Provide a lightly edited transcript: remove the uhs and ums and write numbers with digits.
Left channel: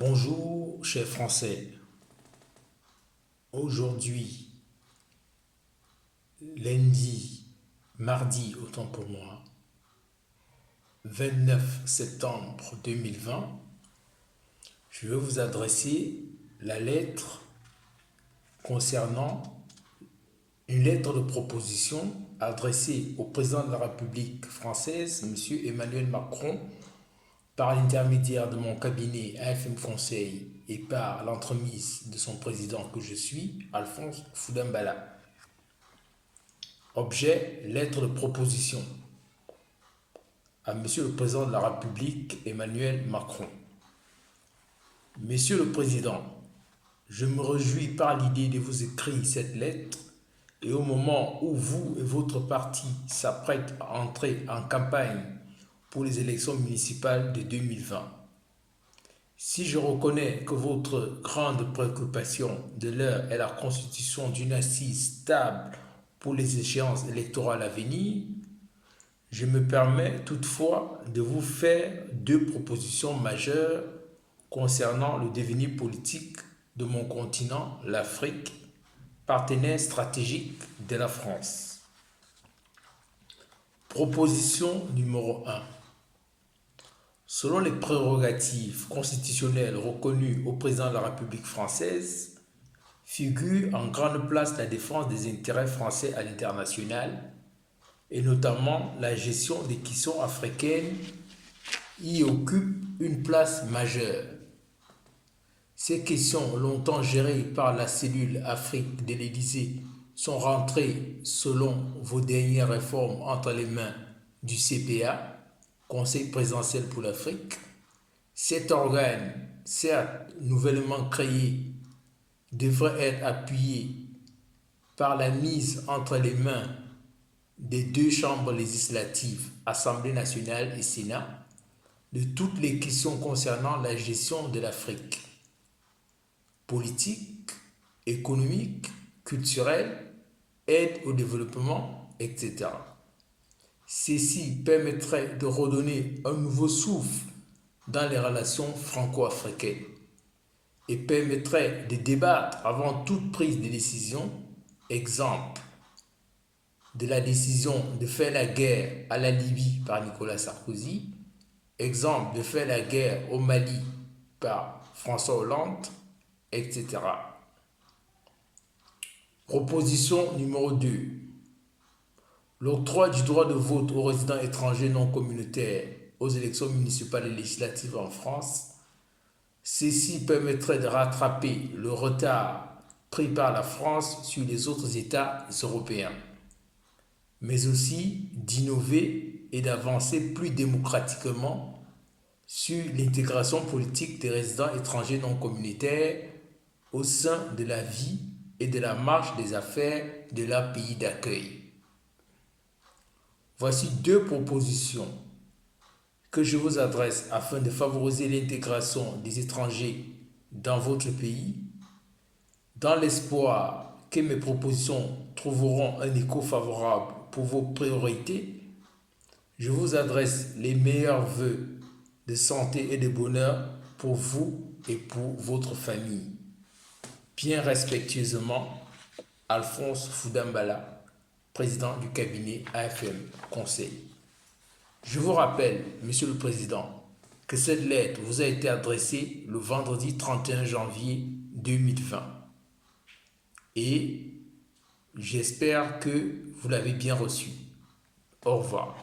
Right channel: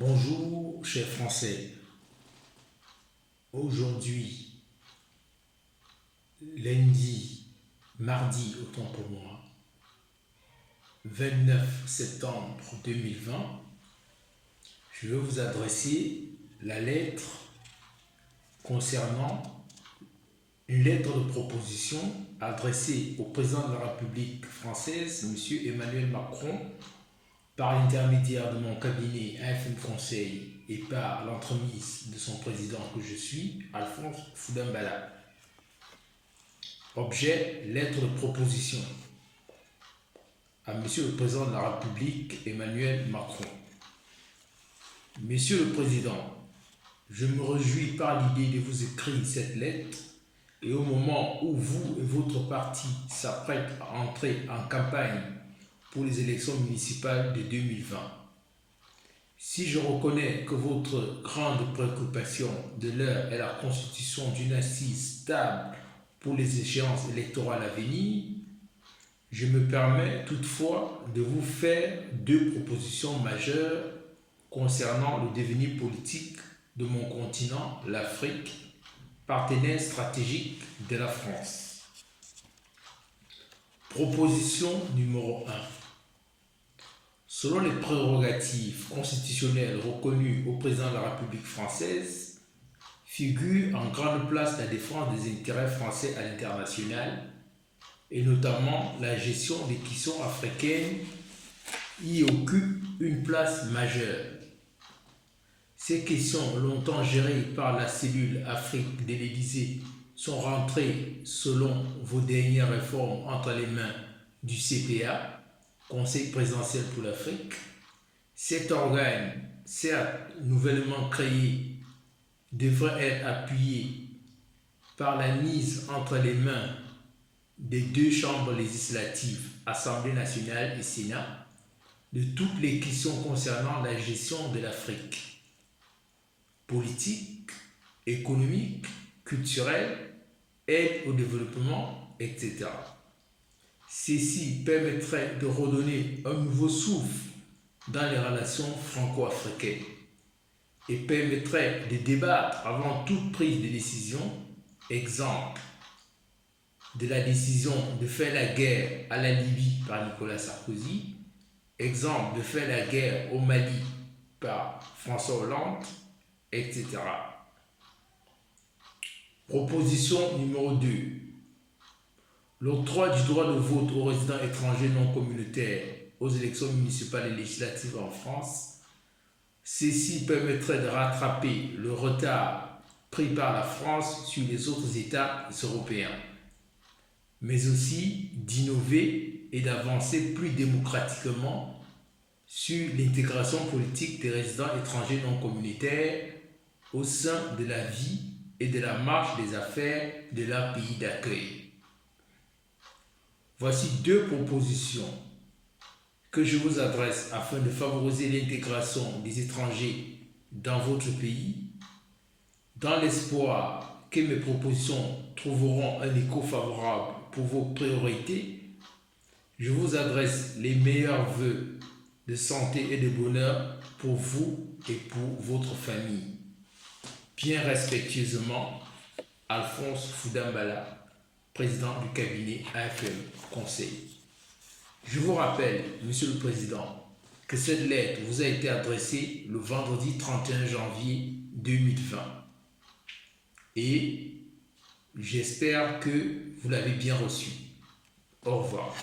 Bonjour, chers Français. Aujourd'hui, lundi, mardi, autant pour moi, 29 septembre 2020, je vais vous adresser la lettre concernant une lettre de proposition adressée au président de la République française, M. Emmanuel Macron, par l'intermédiaire de mon cabinet AFM Conseil et par l'entremise de son président que je suis, Alphonse Foudambala. Objet, lettre de proposition à Monsieur le Président de la République, Emmanuel Macron. Monsieur le Président, je me réjouis par l'idée de vous écrire cette lettre et au moment où vous et votre parti s'apprêtent à entrer en campagne pour les élections municipales de 2020. Si je reconnais que votre grande préoccupation de l'heure est la constitution d'une assise stable pour les échéances électorales à venir, je me permets toutefois de vous faire deux propositions majeures concernant le devenir politique de mon continent, l'Afrique, partenaire stratégique de la France. Proposition numéro 1. Selon les prérogatives constitutionnelles reconnues au président de la République française, figure en grande place la défense des intérêts français à l'international et notamment la gestion des questions africaines y occupe une place majeure. Ces questions, longtemps gérées par la cellule Afrique de l'Élysée, sont rentrées, selon vos dernières réformes, entre les mains du CPA, Conseil présidentiel pour l'Afrique. Cet organe, certes nouvellement créé, devrait être appuyé par la mise entre les mains des deux chambres législatives, Assemblée nationale et Sénat, de toutes les questions concernant la gestion de l'Afrique. Politique, économique, culturelle, aide au développement, etc. Ceci permettrait de redonner un nouveau souffle dans les relations franco-africaines et permettrait de débattre avant toute prise de décision, exemple de la décision de faire la guerre à la Libye par Nicolas Sarkozy, exemple de faire la guerre au Mali par François Hollande, etc. Proposition numéro 2. L'octroi du droit de vote aux résidents étrangers non communautaires aux élections municipales et législatives en France. Ceci permettrait de rattraper le retard pris par la France sur les autres États européens, mais aussi d'innover et d'avancer plus démocratiquement sur l'intégration politique des résidents étrangers non communautaires au sein de la vie et de la marche des affaires de leur pays d'accueil. Voici deux propositions que je vous adresse afin de favoriser l'intégration des étrangers dans votre pays, dans l'espoir que mes propositions trouveront un écho favorable pour vos priorités. Je vous adresse les meilleurs vœux de santé et de bonheur pour vous et pour votre famille. Bien respectueusement, Alphonse Foudambala, président du cabinet AFM Conseil. Je vous rappelle, Monsieur le Président, que cette lettre vous a été adressée le vendredi 31 janvier 2020. Et j'espère que vous l'avez bien reçue. Au revoir.